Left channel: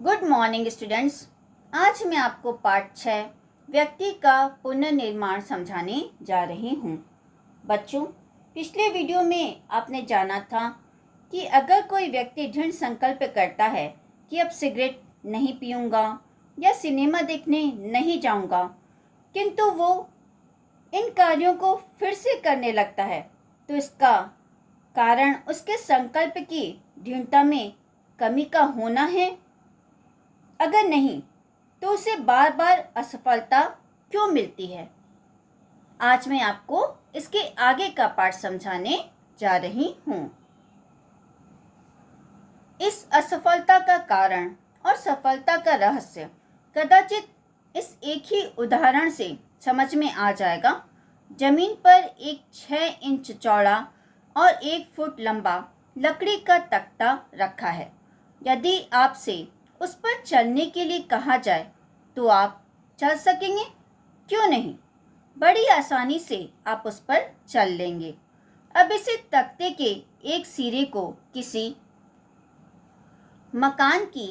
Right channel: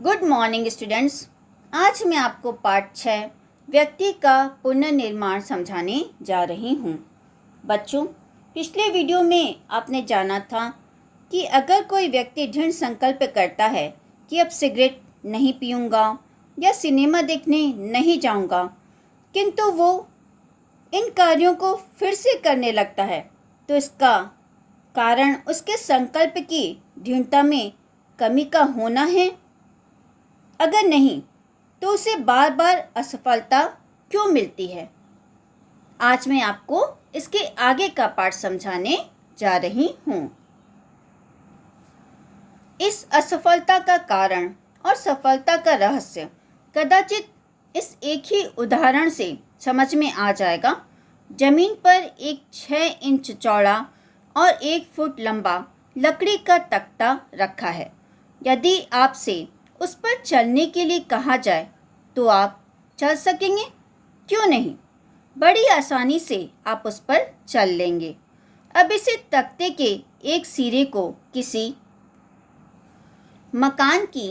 Good morning students. आज मैं आपको पाठ 6 व्यक्ति का पुनर्निर्माण समझाने जा रही हूँ। बच्चों, पिछले वीडियो में आपने जाना था कि अगर कोई व्यक्ति दृढ़ संकल्प करता है कि अब सिगरेट नहीं पीऊँगा या सिनेमा देखने नहीं जाऊँगा, किंतु वो इन कार्यों को फिर से करने लगता है, तो इसका कारण उसके संकल्प की दृढ़ता में कमी का होना है। अगर नहीं, तो उसे बार बार असफलता क्यों मिलती है? आज मैं आपको इसके आगे का पाठ समझाने जा रही हूँ। इस असफलता का कारण और सफलता का रहस्य कदाचित इस एक ही उदाहरण से समझ में आ जाएगा। जमीन पर एक 6 इंच चौड़ा और 1 फुट लंबा लकड़ी का तख्ता रखा है। यदि आपसे उस पर चलने के लिए कहा जाए तो आप चल सकेंगे? क्यों नहीं, बड़ी आसानी से आप उस पर चल लेंगे। अब इसे तख्ते के एक सिरे को किसी मकान की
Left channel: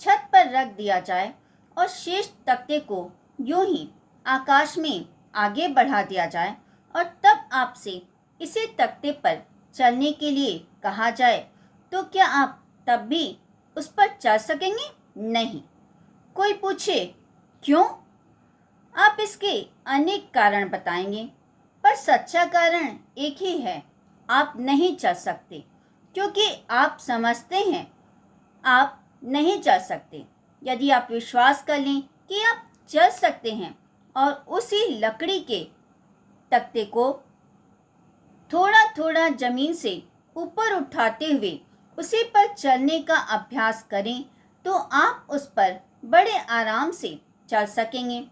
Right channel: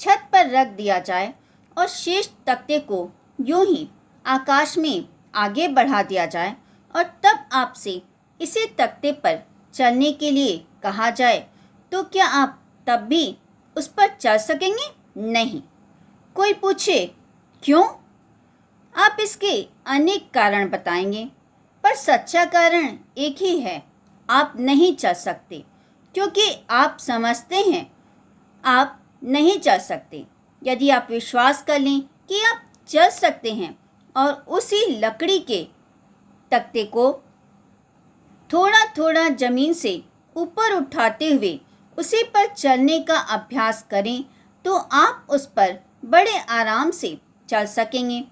छत पर रख दिया जाए और शेष तख्ते को यूं ही आकाश में आगे बढ़ा दिया जाए और तब आपसे इसे तख्ते पर चलने के लिए कहा जाए, तो क्या आप तब भी उस पर चल सकेंगे? नहीं। कोई पूछे क्यों? आप इसके अनेक कारण बताएंगे, पर सच्चा कारण एक ही है, आप नहीं चल सकते, क्योंकि आप समझते हैं आप नहीं चल सकते। यदि आप विश्वास कर लें कि आप चल सकते हैं और उसी लकड़ी के तख्ते को थोड़ा थोड़ा जमीन से ऊपर उठाते हुए उसी पर चलने का अभ्यास करें, तो आप उस पर बड़े आराम से चल सकेंगे।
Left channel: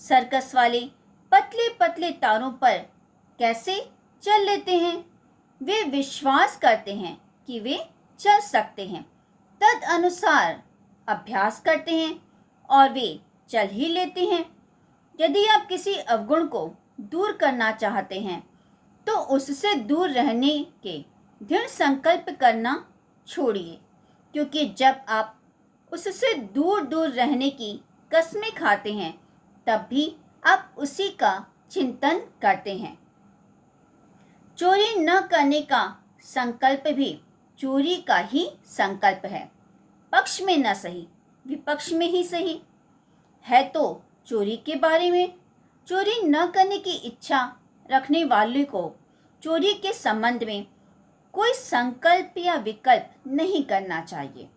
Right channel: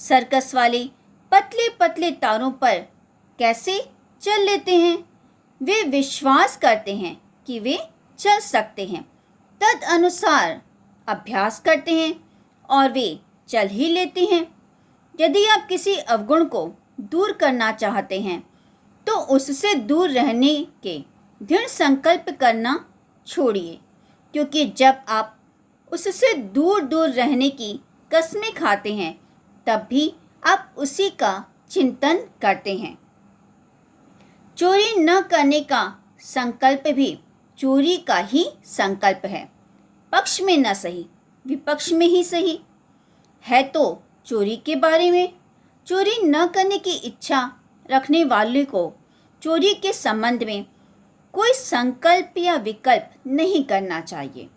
सर्कस वाले पतले पतले तारों पर कैसे चल लेते हैं? वे विश्वास करते हैं कि वे चल सकते हैं, तद अनुसार अभ्यास करते हैं और वे चल ही लेते हैं। यदि आप किसी अवगुण को दूर करना चाहते हैं, तो उससे दूर रहने के दृढ़ संकल्प करना छोड़िए, क्योंकि जब आप उससे दूर दूर रहने की कस्में खाते हैं, तब भी आप उसी का चिंतन करते हैं। चोरी न करने का संकल्प भी चोरी का ही संकल्प है। पक्ष में न सही, विपक्ष में ही सही है तो चोरी के बारे में। चोरी न करने की इच्छा रखने वाले को चोरी के संबंध में कोई संकल्प या विकल्प नहीं करना चाहिए।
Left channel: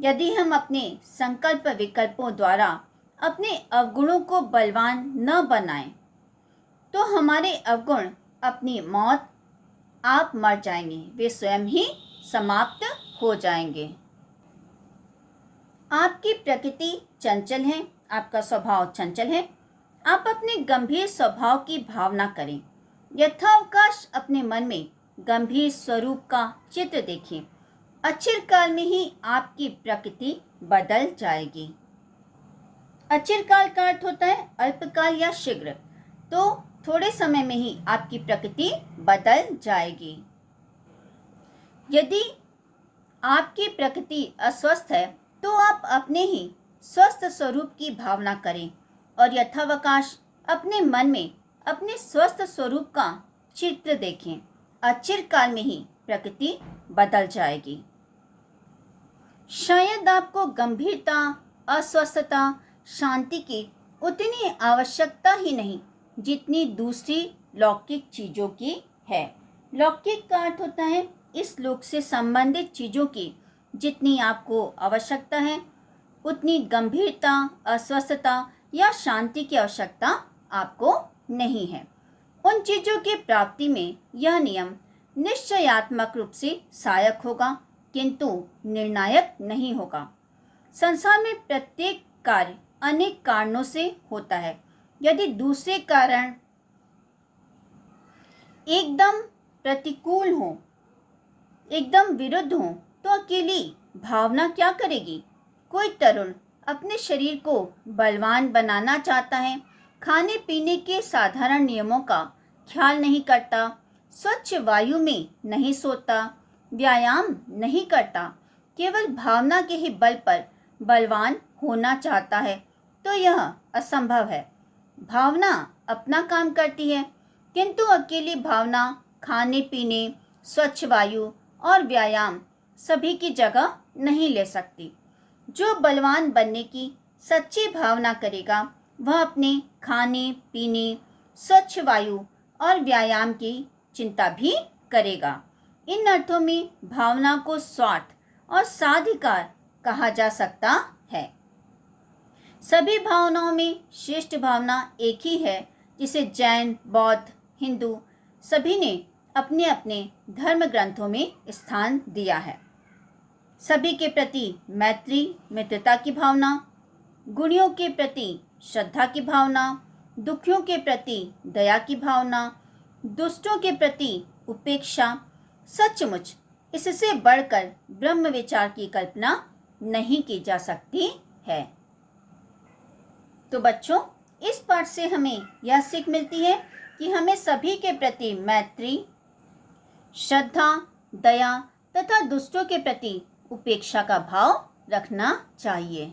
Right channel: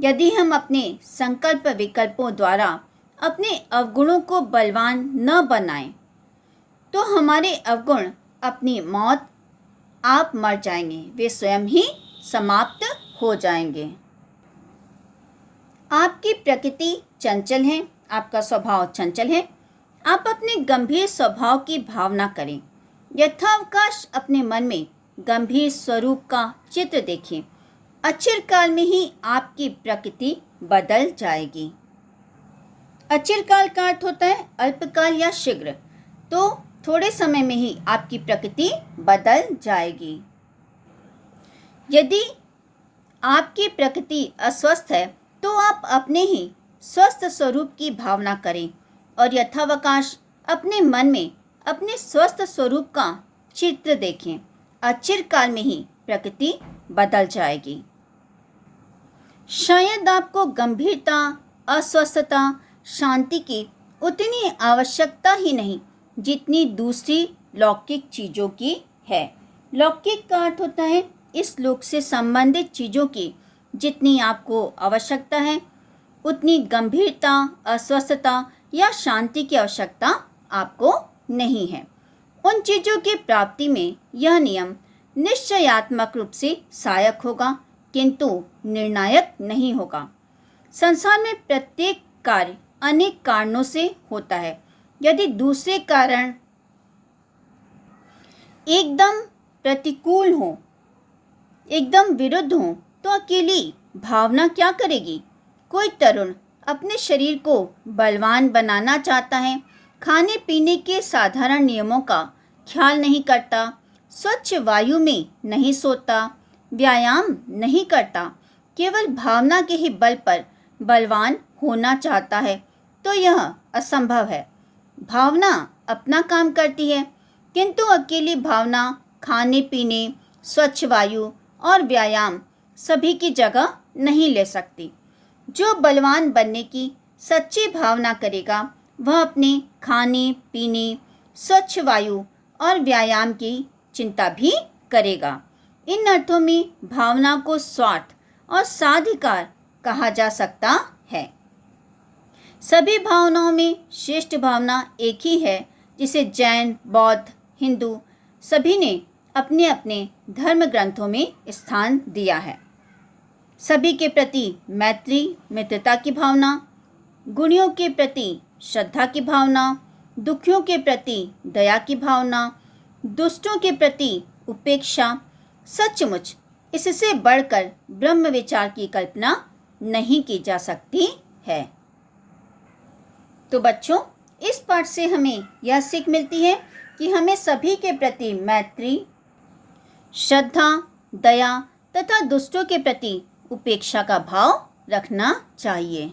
यदि हम अपने संकल्प विकल्पों द्वारा अपने अवगुणों को बलवान न बनाएं, तो हमारे अवगुण अपनी मौत आप मर जाएंगे, वे स्वयं ही समाप्त हो जाएंगे। आपकी प्रकृति चंचल है, आपका स्वभाव चंचल है। आप अपने गंभीर स्वभाव की भावना करें। यथावकाश अपने मन में गंभीर स्वरूप का चित्र देखें। अचिरकाल में ही आपकी प्रकृति बदल जाएगी। अचिरकाल का अर्थ होता है अल्पकाल या शीघ्र, तो थोड़े समय में ही आपकी प्रकृति बदल जाएगी। यदि आपकी प्रकृति अस्वस्थ है, तो आप अपने ही स्वस्थ स्वरूप की भावना करें और यथावकाश अपने मन में अपने स्वस्थ स्वरूप का चित्र देखें। अचिरकाल में ही प्रकृति बदल जाएगी। शायद आपको गंभीरता, अस्वस्थता, शांति की उतनी आवश्यकता ही नहीं जितनी दूसरी लौकिक चीज़ों की है। लौकिक का अर्थ होता है इस लोक से संबंधित चीज़ों की जितनी आपको आवश्यकता है, उतनी गंभीरता, अस्वस्थता या शांति की आवश्यकता आपको नहीं है। उन चीज़ों की प्राप्ति में यह नियम निश्चयात्मक रूप से सहायक होगा, किंतु निर्णायक नहीं होगा। संसार में प्रत्येक कार्य अनेक कारणों से होता है। यदि दूसरे कारण एकदम प्रतिकूल हो, एकदम विरुद्ध हो, तो अकेली भावना क्या करेगी? कोई तरुण अपने शरीर को बलवान बनाना चाहता है, खाने पीने के साधारण नियमों का ख्याल नहीं करता, स्वच्छ वायु में नहीं सोता, व्यायाम नहीं करता, केवल भावना के ही बल पर बलवान होना चाहता है तो यह असंभव है। भावना अपना काम करती है, किंतु अकेली भावना खाने पीने, स्वच्छ वायु और व्यायाम सभी की जगह नहीं ले सकती। जो बलवान बनने की सच्ची भावना करेगा वह अपने खाने पीने, स्वच्छ वायु और व्यायाम की चिंता भी करेगा। इन अर्थों में भावना को स्वार्थ और साधिकार कहा जा सकता है। सभी भावनाओं में श्रेष्ठ भावना एक ही है, जिसे जैन, बौद्ध, हिंदू सभी ने अपने अपने धर्म ग्रंथों में स्थान दिया है। सभी के प्रति मैत्री, मित्रता की भावना, गुणियों के प्रति श्रद्धा की भावना, दुखियों के प्रति दया की भावना, दुष्टों के प्रति उपेक्षा, सचमुच इससे बढ़कर ब्रह्म विचार की कल्पना नहीं की जा सकती है। तो बच्चों, इस पाठ से हमें यह सीख मिलती है कि हमें सभी के प्रति मैत्री, श्रद्धा, दया तथा दुष्टों के प्रति उपेक्षा का भाव रखना चाहिए।